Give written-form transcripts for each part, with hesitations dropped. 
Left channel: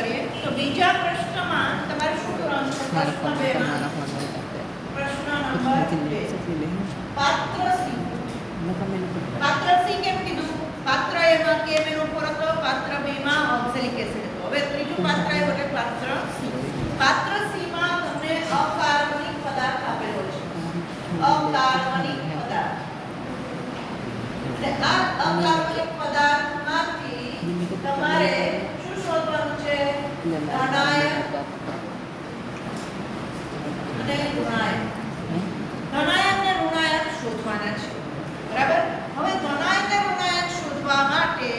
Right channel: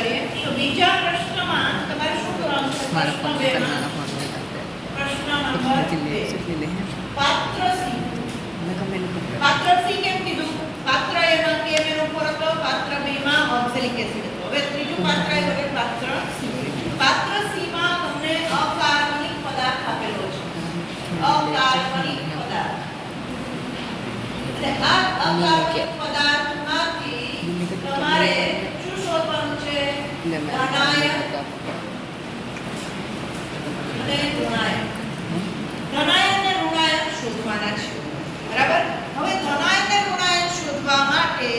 કરીએ તો બીજા પ્રશ્નમાં તમારે શું કરવાનું છે? પ્રશ્ન નંબર 2 પાત્ર સી. પાત્ર સી કેમ કીધું? પાત્ર એમાં કેમ એનો ફોર હતો, પાત્ર બી માં ઓક્ઝેલિક એસિડ હતો. હવે ત્રીજું પાત્ર આવ્યું એટલે પાત્ર સી. પાત્ર સી માં તમને અકાર્બનિક પદાર્થ આપેલો છે. અકાર્બનિક પદાર્થ એટલે આ અકાર્બનિક પદાર્થમાંથી તમારે શું શોધવાનું છે? ધનાયન અને ઋણાયન. ધનાયન અને ઋણાયન શોધવાના છે. બરાબર. હવે ધનાયન અને ઋણાયન શોધવા માટે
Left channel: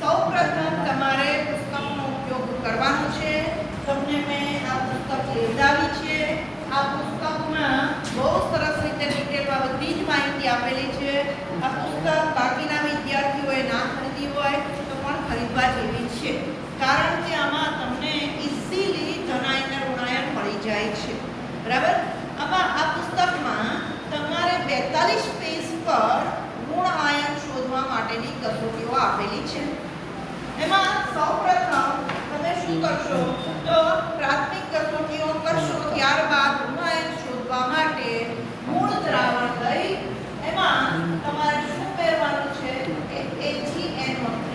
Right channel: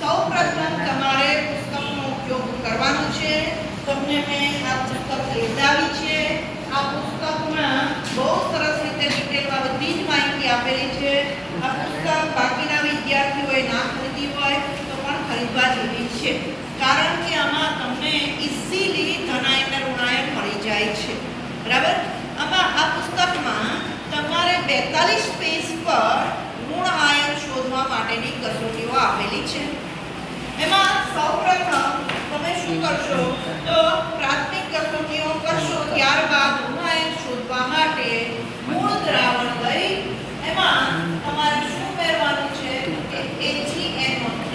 સૌપ્રથમ તમારે પુસ્તકનો ઉપયોગ કરવાનો છે. તમને મેં આ પુસ્તક લેવડાવી છે. આ પુસ્તકમાં બહુ સરસ રીતે ડિટેલમાં બધી જ માહિતી આપેલી છે. આ પુસ્તક બાકીના વિદ્યાર્થીઓએ ના ખરીદી હોય તો પણ ખરીદવા જેવી છે, કારણ કે આમાં તમને ઇઝીલી ધનાયન અને ઋણાયન મળી જાય છે. બરાબર. આમાં આ પુસ્તકમાં તમારે 42 પેજ પર ઋણ આયન શોધવા માટેની કસોટીઓ આપેલી છે. એમાં સૌપ્રથમ તમે શું કરશો તો પ્રાથમિક કસોટીઓ કરશો, ત્યારબાદ ઋણ આયન શોધવા માટે મૂળ દ્રાવણ લઈ એમાં તમારે શું કરવાનું છે કે AgNO3.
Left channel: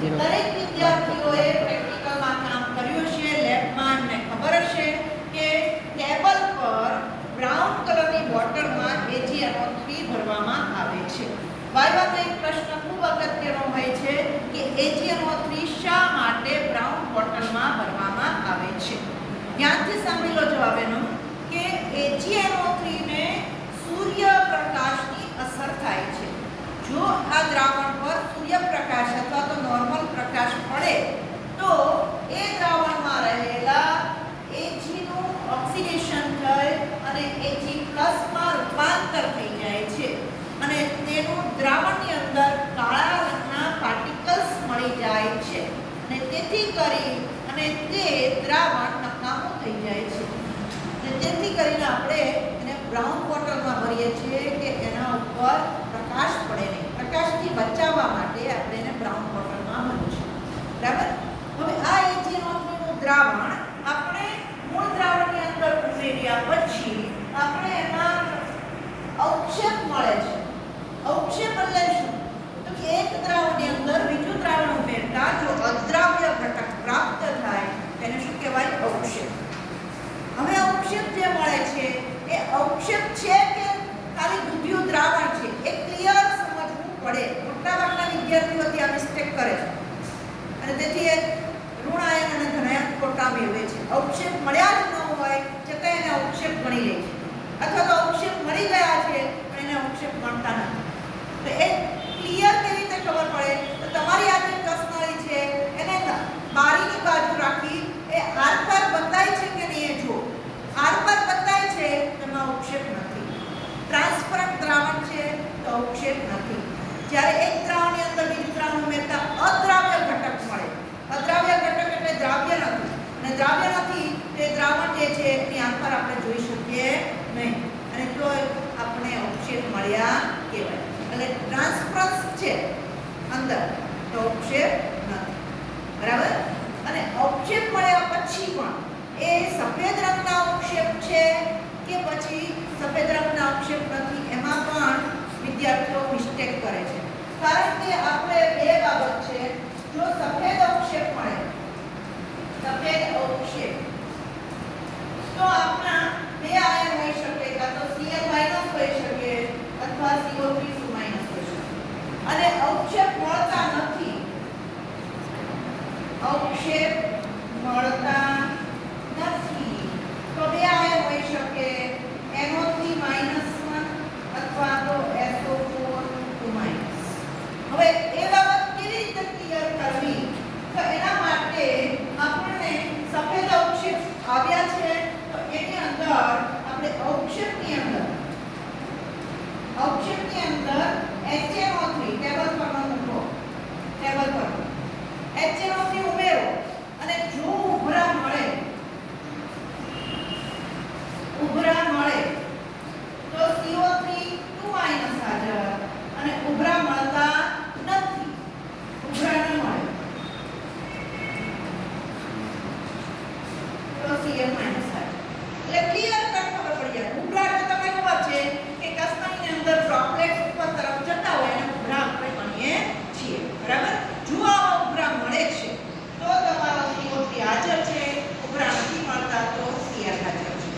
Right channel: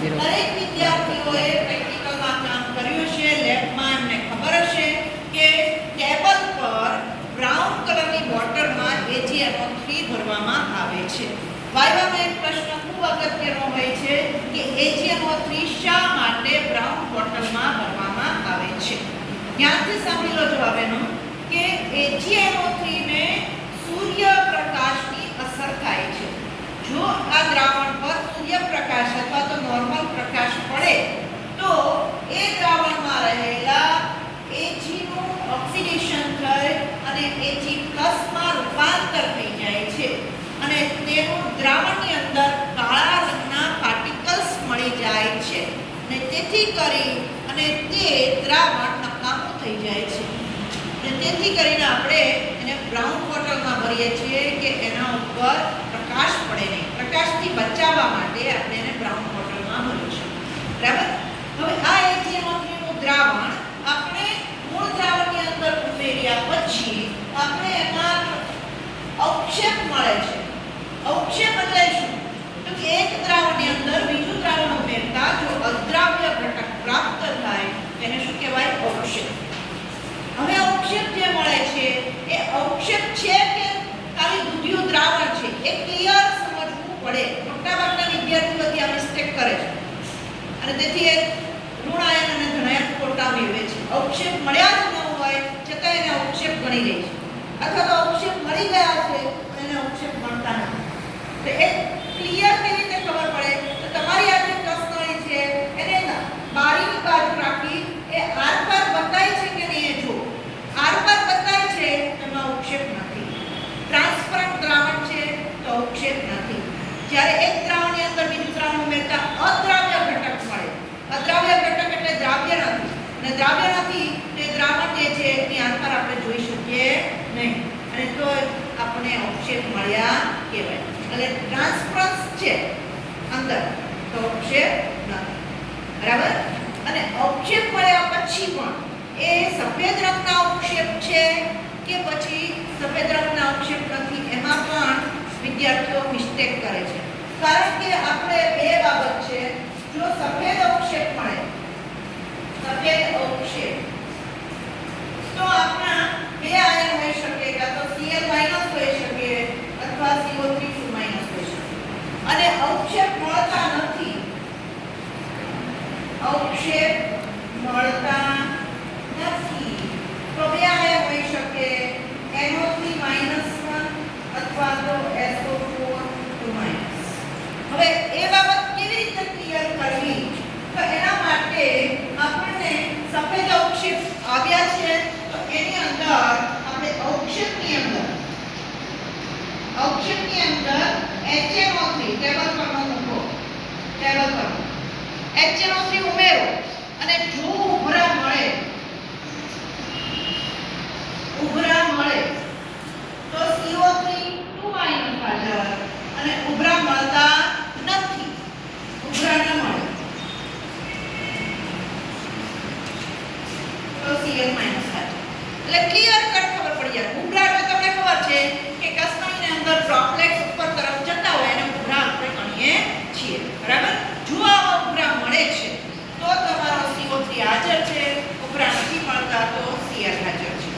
દરેક વિદ્યાર્થીઓએ પ્રેક્ટિકલમાં કામ કર્યું છે, લેબમાં એમને ખબર હશે કે ટેબલ પર બ્રાઉન કલરની બોટલમાં AgNO3 ભરવામાં આવે છે. વાયવામાં એક પ્રશ્ન ખૂબ અગત્યનો હોય છે કે AgNO3 શા માટે બ્રાઉન બોટલમાં ભરવામાં આવે છે? ધ્યાનથી સાંભળી લો જવાબ એનો કે AgNO3 ને સૂર્યપ્રકાશની અસર થાય છે. જો આ દ્રાવણ પર સૂર્યપ્રકાશ અથવા તો નોર્મલ પ્રકાશ પડે તો એ દ્રાવણમાં રહેલા Ag નું ઓક્સિડેશન થઈ અને Ag+ માં રૂપાંતર થઈ જાય છે અને તેનું દ્રાવણની અંદર કાળા રંગના પાર્ટિકલ્સ મળી જાય છે અને તેથી કરી અને તે દ્રાવણ નકામું થઈ જાય છે. તેથી કરીને આપણે એને બ્રાઉન બોટલમાં ભરીએ છીએ કે એના ઉપર પ્રકાશ પડે નહીં. પ્રકાશથી બચાવવા માટે આપણે એને બ્રાઉન બોટલમાં ભરીએ છીએ. બરાબર. હવે આ AgNO3 નું દ્રાવણ આપણે મૂળ દ્રાવણની અંદર ઉમેર્યા પછી આપણે એમાં અવક્ષેપ મળે છે. અવક્ષેપ એટલે શું? તો કે એક દ્રાવણની અંદર બીજું દ્રાવણ ઉમેરતા જો અદ્રાવ્ય ઘટક પ્રાપ્ત થાય તેને શું કહેવાય? અવક્ષેપ. હવે અવક્ષેપ જે મળે છે એ અવક્ષેપ છે કે ખાલી દૂધિયું દ્રાવણ છે એ ક્લિયર સમજવું પડે. મોટાભાગના વિદ્યાર્થીઓ ત્યાં મિસ્ટેક કરે છે અને તેથી એક ઋણ આયન અને ધનાયન ખોટા મેળવે છે. અવક્ષેપ મળ્યા જ ન હોય છતાં એને અવક્ષેપ ગણી લે છે, અથવા તો અવક્ષેપ મળી ગયા છે પણ એને અવક્ષેપ ગણતા નથી. તો એ ક્લિયર કેવી રીતે ખબર પડે? તો તમારી આ જે કસનળી છે એને બારીની બાજુ રાખી એ આરપાર બતાય છે કે નહીં એ જો. આરપાર બતાય છે તેમાં અવક્ષેપ નથી. ટ્રાન્સપરન્ટ દ્રાવણ છે તો અવક્ષેપ નથી. જ્યારે એક દ્રાવણની અંદર બીજું દ્રાવણ ઉમેરતા અદ્રાવ્ય ઘટક મળે. અદ્રાવ્ય ઘટક એટલે દ્રાવ્ય નથી, અને દ્રાવ્ય નથી તે દ્રાવણ જે છે એની આરપાર આપણે જોઈ શકીએ નહીં અને તો આપણે અવક્ષેપ મળ્યા કહેવાય. એટલે ટ્રાન્સપરન્સ છે અંદર તો અવક્ષેપ નથી. બરાબર. અને અવક્ષેપ મળ્યા પછી પણ એ સફેદ રંગના અવક્ષેપ છે કે પછી સફેદ રંગના અવક્ષેપ નથી, એમાં પણ વિદ્યાર્થીઓ મિસ્ટેક કરે છે. કારણ કે આપણે બે બાબત છે. જો સફેદ અવક્ષેપ મળે, સફેદ અવક્ષેપ, તો આપણા બે આયન હોઈ શકે, કાં તો Cl- હોઈ શકે અથવા CO3 હોઈ શકે. અને અવક્ષેપ મળતા નથી, અવક્ષેપ મળતા નથી તો બે આયન હોઈ શકે NO3- અથવા તો SO4-. હવે એ બાબત કેવી રીતે ક્લિયર કરવી? તો એના માટે આપણને સફેદ અવક્ષેપ આવ્યા છે તો એની અંદર આપણે અવક્ષેપની અંદર HNO3 ટેબલ પર મૂકો. ટેબલ પર HNO3 ઉમેરો અને જો ઉભરા મળે તો CO3 હાજર અને ઉભરા મળતા નથી. ઉભરા ન મળે એટલે ક્લિયર કટ ખબર પડી જાય. ઉભરા તો તમને ખબર છે કે કસનળીની અંદર ડ્રોપલેટ્સ ઉપર તરફ જતા હોય અને ઉભરા આપણે ગણીએ છીએ. બરાબર? જો આવા ઉભરા મળે છે તો તમારો CO3 હાજર છે, ઉભરા નથી મળતા તો Cl હાજર છે.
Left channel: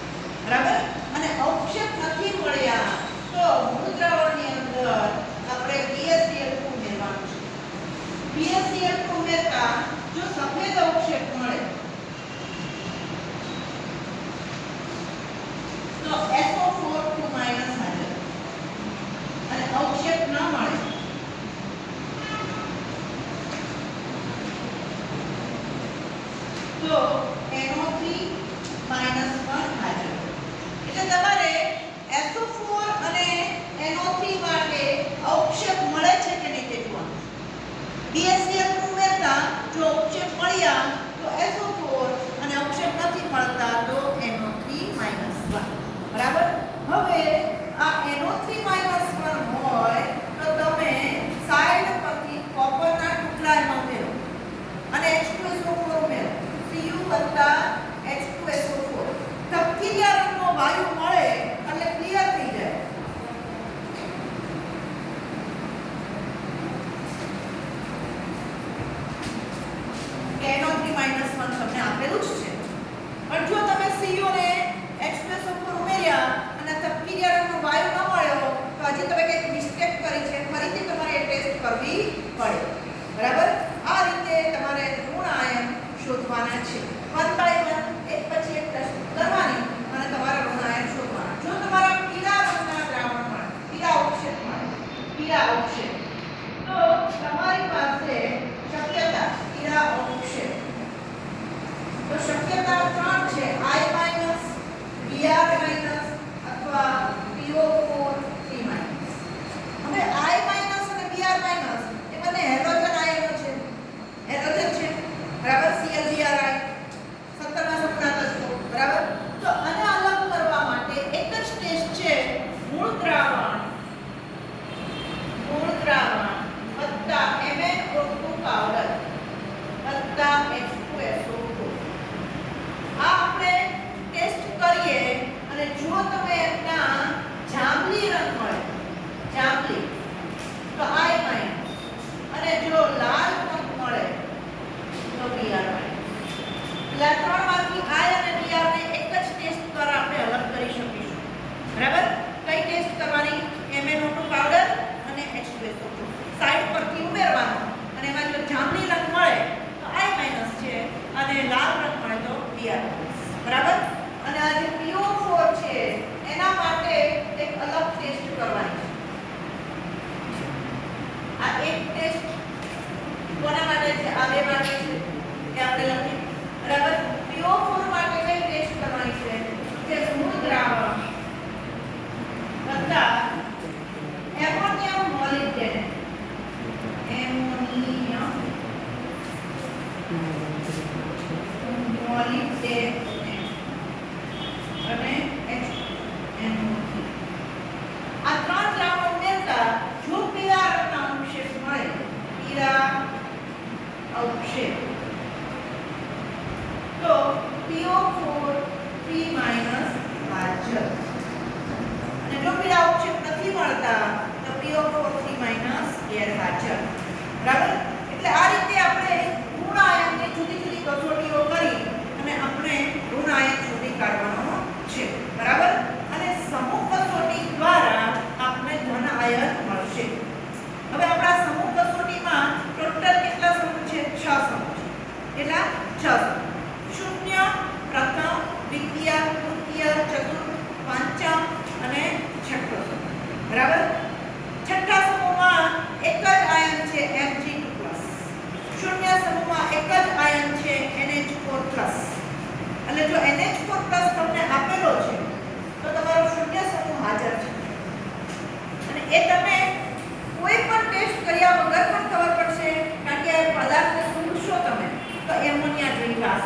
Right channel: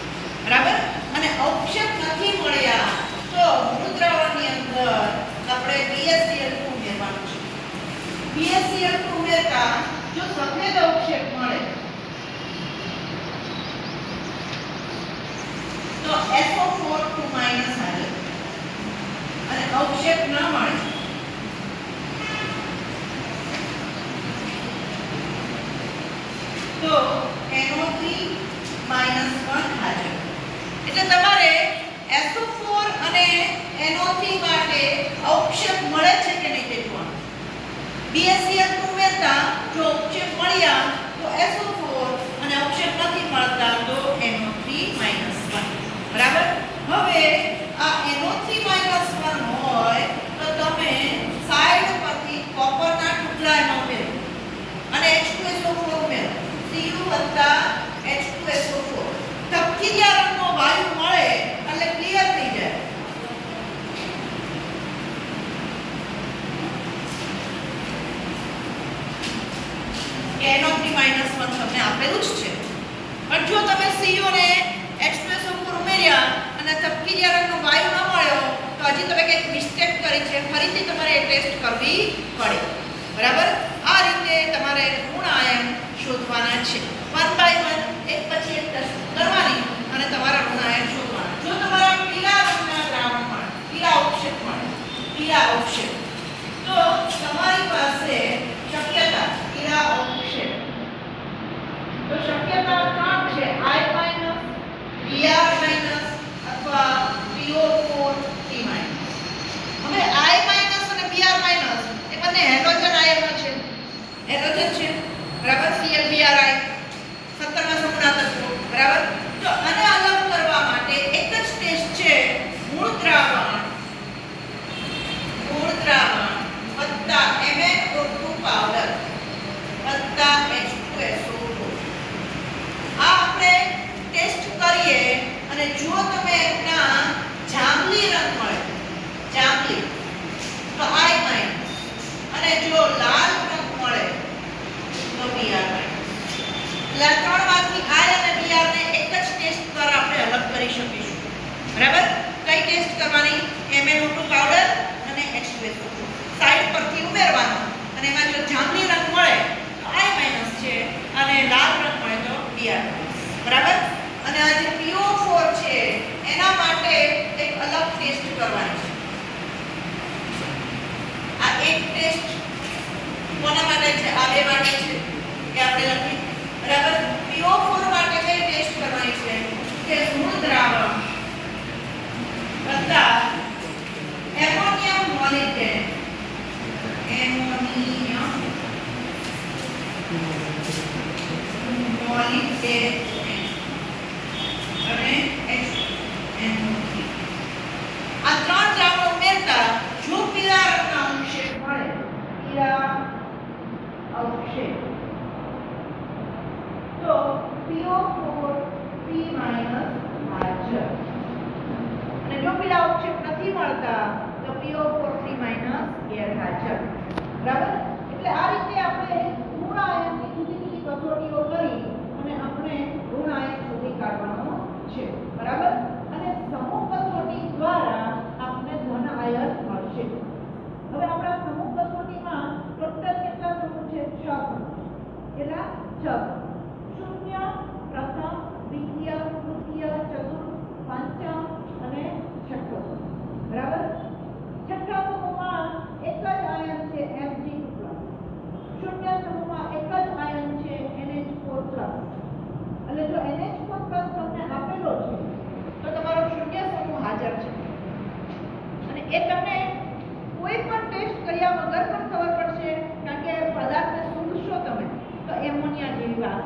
બરાબર? અને અવક્ષેપ નથી મળ્યા તો મૂળ દ્રાવણની અંદર આપણે BaCl2 ઉમેરવાનું છે. BaCl2 ઉમેરતા જો સફેદ અવક્ષેપ મળે તો SO4 2- આવે અને અવક્ષેપ ન મળે તો NO3 - 1 હાજર. એટલે તમારે SO4 અને NO3 માટે અવક્ષેપ મળે છે કે નહીં તે જોવાનું. BaCl2 ઉમેરતા જો અવક્ષેપ મળ્યા તો SO4 અને અવક્ષેપ નથી મળતા તો NO3 - 1. બરાબર? હવે આ NO3 - 1 હોય તો તમે સાઈડ પરથી કોપરના ટુકડા એમાં ઉમેરો અને H2SO4 ઉમેરો. Cu + H2SO4 તપકીરિયા રંગનો વાયુ મળે એટલે ક્લિયર થઈ જાય. NO3 - 1 તમને આપેલું જ છે. પણ જો તમે Cu ને H2SO4 ઉમેર્યા અને તપકીરિયા રંગનો વાયુ ન મળ્યો તો હજી તમે કંઈક મિસ્ટેક કરી છે, ફરીથી તમારે એ ટેસ્ટ કરવી પડે. બરાબર? આ રીતે તમારે ઋણ આયન શોધવાના છે. 1 by 1 એક પછી એક ટેસ્ટ કરવાની અને તમારા ઋણ આયન શોધવાના. જો તમારા પીળા રંગના દ્રાવણ મળે, પીળા અવક્ષેપ તો તમારી પાસે શક્યતા પીળા અવક્ષેપ તો શક્યતાઓ 3 છે: I-, Br- અથવા PO4 T-. હવે I- અને Br- એ બંને હેલોજન આયનો છે. બરાબર? Cl-Bri 17મા સમૂહના તત્વો. બરાબર? તો આને અલગ કરવા માટે એક જ ટેસ્ટ છે: મૂળ દ્રાવણ વત્તા MnO2 પાવડર વત્તા H2SO4. આ આપણે ટેસ્ટ કરીએ અને જો તમે એના જાંબલી રંગ મળે તો I- અને જો લાલ રંગ મળે તો Br-. એટલે ત્રણમાંથી I અને Br ને એક જ ટેસ્ટ દ્વારા આપણે અલગ કરી શકીશું. બરાબર? કઈ ટેસ્ટ કરવાની? MnO2 પાવડર અને H2SO4 સાઈડ પરથી ઉમેરવાનો અને એમાં જો જાંબલી રંગ મળે તો I- છે અને લાલ રંગ મળે તો Br-. બરાબર? અને આ જે PO4 છે એના માટે એક અલગ ટેસ્ટ કરવાની છે. આ એક ટેસ્ટ કોના માટે છે? આ બે માટે છે કે આપણે લખી. બરાબર? PO4 માટે કઈ ટેસ્ટ કરવાની છે કે મૂળ દ્રાવણ વત્તા એમોનિયમ મોલિબ્ડેનેટ અને NO3. આ ત્રણ દ્રાવણ ઉમેરતા જો પીળા રંગના અવક્ષેપ મળે, તો PO4 3- હાજર. અને જો પીળા અવક્ષેપ નથી મળતા તો PO4 3- ગેરહાજર. બરાબર? એટલે આ રીતે આપણે ઋણ આયનની જુદી જુદી કસોટીઓ કરી અને આપણે ઋણ આયન શોધી કાઢવાનો છે. બરાબર? અને સમૂહ કસોટી દ્વારા આપણે ધન આયન મળશે. હવે આપણા સમૂહ કસોટીમાં ટોટલ કેટલા સમૂહ છે? 6 સમૂહ છે. કેટલા? 6 સમૂહ. શૂન્ય, પ્રથમ, દ્વિતીય, તૃતીય, ચતુર્થ, પંચમ અને છઠ્ઠો સમૂહ. બરાબર? છઠ્ઠા સમૂહમાં એક જ આયન છે Mg2+. શૂન્ય સમૂહમાં એક જ આયન છે NH4+. એટલે જો NH4+ તમને આપેલો છે તો તમારો શૂન્ય સમૂહ હાજર છે. અને એ તમે કોઈ પણ ટેસ્ટ કર્યા વગર પણ ખબર પડશે, કારણ કે પદાર્થને સૂંઘશો તમે તો એમોનિયા જેવી વાસ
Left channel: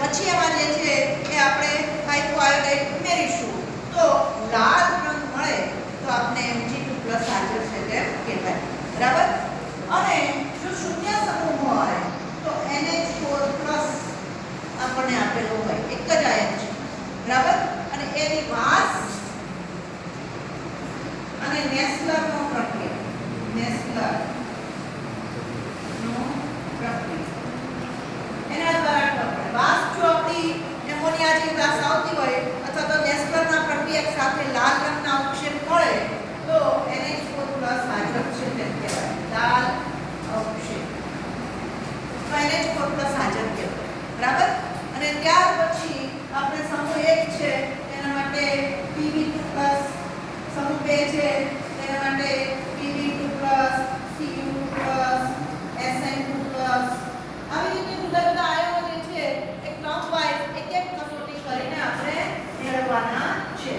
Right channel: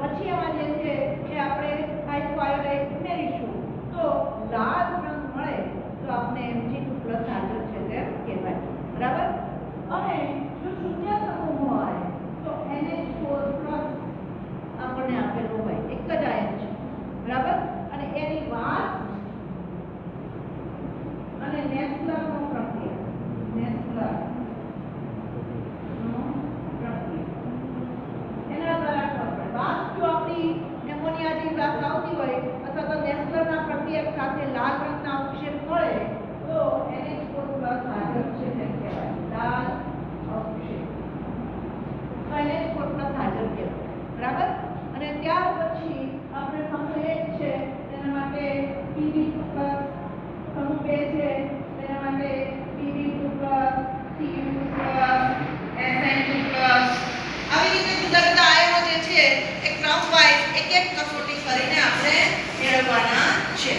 પછી એમાં જે છે એ આપણે હાઇપોઆયોડાઇડ ઉમેરીશું તો લાલ રંગ મળે તો આપણે Mg2+ હાજર છે તેમ કહેવાય. બરાબર. અને જો શૂન્ય સમૂહ હોય તો NH4+ આપણને આપેલો હોય, એક જ આયન છે. બરાબર. અને એની વાસ અને નેસ્લરનો પ્રક્રિયા એના દ્વારા આપણે વાસ જો આપણી એમોનિયા જેવી વાસ આવતી હોય અથવા તો નેસ્લરના પ્રક્રિયા સાથે લાલ રંગના અવક્ષેપ મળે તો NH4+ હાજર છે તેમ કહેવાય. લાલ અવક્ષેપ NH4+ હાજર કહેવાય. બરાબર. અને ત્યાર પછી આપણે સમૂહ 1 છે તેના માટે Pb2+, સમૂહ 2 છે તેના માટે Pb2+, Cu2+, Sn2+, આવી રીતે જુદા જુદા આયનો જે છે એ ક્રમ વાઇઝ એક એક કસોટી કરીને આપણે મેળવવાના છે.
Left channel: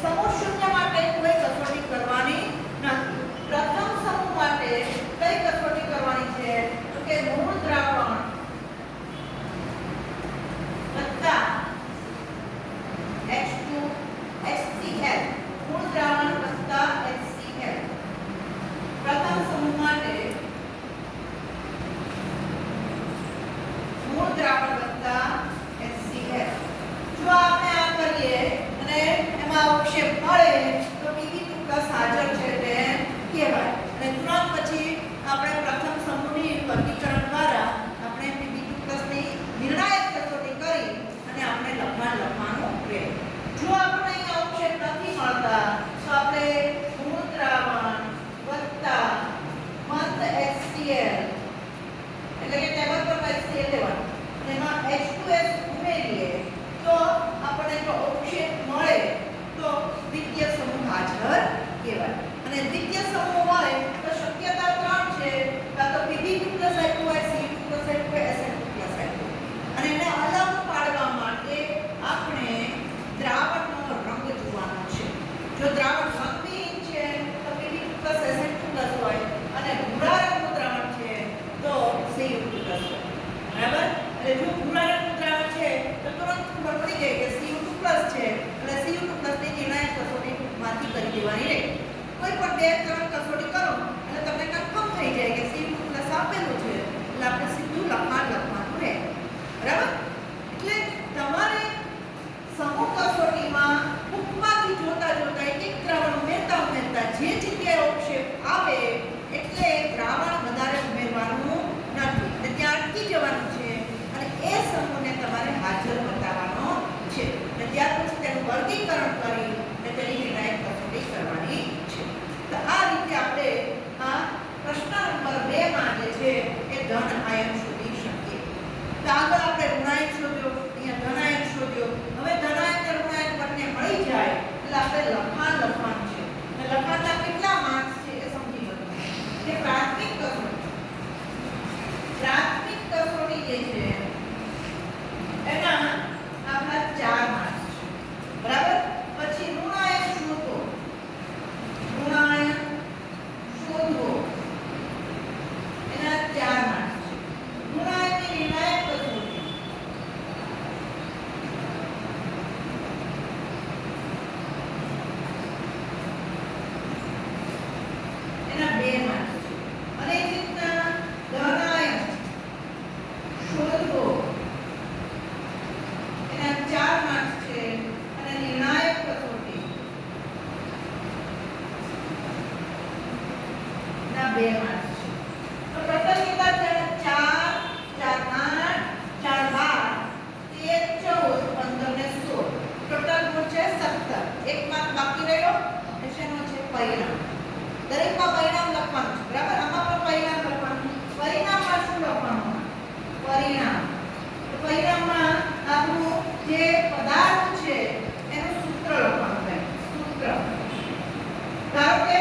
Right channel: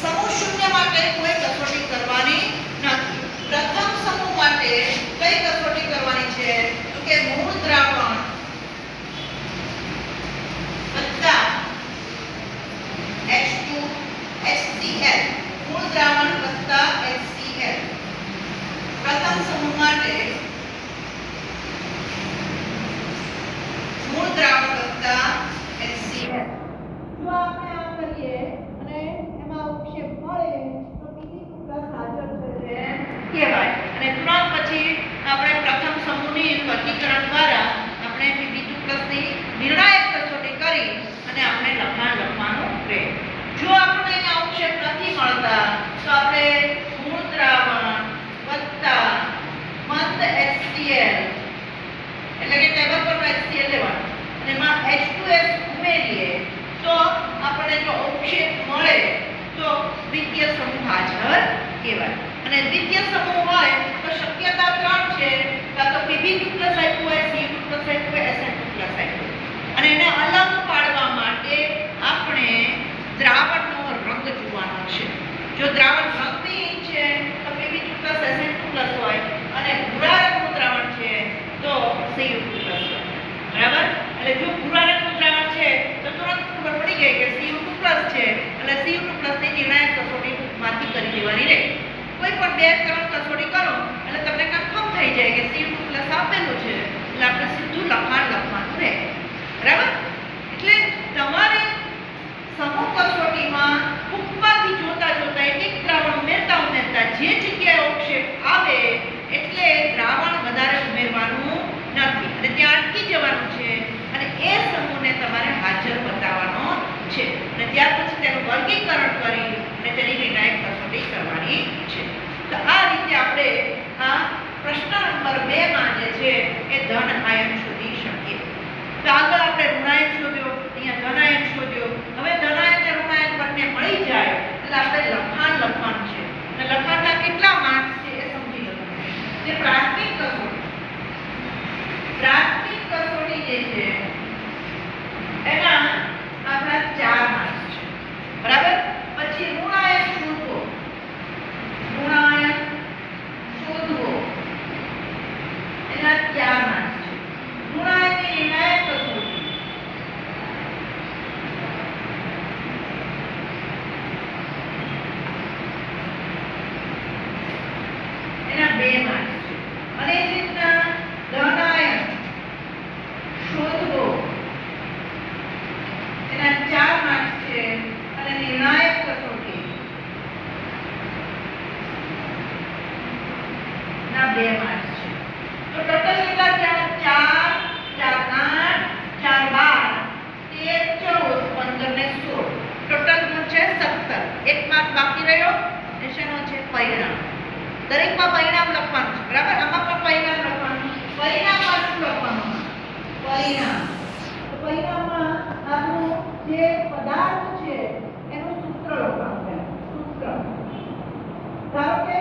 સમૂહ શૂન્ય માટે કોઈ કસોટી કરવાની નથી. પ્રથમ સમૂહ માટે કઈ કસોટી કરવાની છે તો કે મૂળ દ્રાવણ વત્તા H2HCl, મૂળ દ્રાવણ વત્તા HCl. પ્રથમ સમૂહ માટે મૂળ દ્રાવણ વત્તા HCl. જો આપણે આ કરીએ અને એમાં અવક્ષેપ મળે તો Pb2+ હાજર છે તેમ કહેવાય. અને તુરંત પછી આપણે પ્રથમ સમૂહની વર્ગીકરણ દ્વારા આપણે Pb2+ ની નિર્ણાયક કસોટી કરી અને આપણે લખાણ લખવાનું રહે. જો આપણને અહીંયા અવક્ષેપ નથી મળતા તો આપણે મૂળ દ્રાવણ વત્તા મંદ HCl એટલે કે ટેબલ પર HCl લેવાનું અને એમાં H2S ઉમેરીએ તો આપણને જો અવક્ષેપ મળે તો દ્વિતીય સમૂહ હાજર કહેવાય. અને દ્વિતીય સમૂહ હોય તો શક્યતા 3 છે, કાં તો Pb2+ આપ્યું હોય, Cu2+ આપ્યું હોય, Sn2+ આપ્યું હોય. અને એને અલગ પાડવા માટે આપણે દ્રાવણનો રંગ જોવાનો છે. જો દ્રાવણ રંગવિહીન છે તો Pb2+ Sn2+ હોય અને ભૂરા રંગનું દ્રાવણ છે તો Cu2+ હોય. બરાબર. એટલે જો ભૂરા રંગનું દ્રાવણ છે તો તુરંત ખબર પડી ગઈ કે Cu2+ છે એટલે Cu2+ ની નિર્ણાયક કસોટીમાંથી કરી દેવાની રહે. કોઈ પણ 2-3 કસોટી કરો એટલે તમને કન્ફર્મ થઈ જાય કે Cu2+ આપેલું છે એટલે આપણે સીધું લખાણ લખવાનું રહે. બરાબર. એટલે તમારે સમૂહ કસોટીમાં ઉપરથી જોતા જોતા એક એક દ્રાવણ ઉમેરતા જે જગ્યાએ અવક્ષેપ આવે એટલે દ્રાવણ વધારે ઉમેરવાનું નથી અને ત્યાં અટકી જવાનું છે અને એ સમૂહને તમારે હાજર બતાવવાનો છે. અને ત્યાર પછી તેનું વર્ગીકરણ કરી અને તેની નિર્ણાયક કસોટી કરવાની છે. તો આ રીતે આપણે આ પ્રશ્ન નંબર 2 માં જે છે એ ધન આયન શોધી શકીએ. તો આગળ આપણે ઋણાયન શોધ્યો, અહીંયા ધનાયન શોધ્યો. હવે ધનાયન અને ઋણાયન બંને મળી જાય એટલે આપણે લખાણ લખવાનું છે. અને લખાણના કેટલા માર્ક્સ છે એ સમજી લો. જે પ્રાથમિક કસોટી જે છે એના આપણા 4 માર્ક્સ છે. બરાબર. પછી ઋણાયન શોધવો એના 4 માર્ક્સ છે. ઋણાયનની નિર્ણાયક કસોટી એના 2 માર્ક્સ છે. અને એ રીતના ધનાયન શોધવો એના 4 માર્ક્સ છે અને નિર્ણાયક કસોટી ના 2 માર્ક્સ છે. તો ટોટલ કેટલા થયા? 4, 4, 8, 12, 13, 14, 15 ને 16. ટોટલ ગુણ છે 17. એક માર્ક બાકી રહ્યો એ શેનો છે? પરિણામ. દરેકમાં પરિણામ લખવાનું છે. બરાબર. આમાં પણ પરિણામ લખવાનું. પરિણામમાં શું લખવાનું? પરિણામ. તો પરિણામમાં આપણું જે પદાર્થ છે એનું સૂત્ર લખવાનું છે. સૂત્ર ધારો કે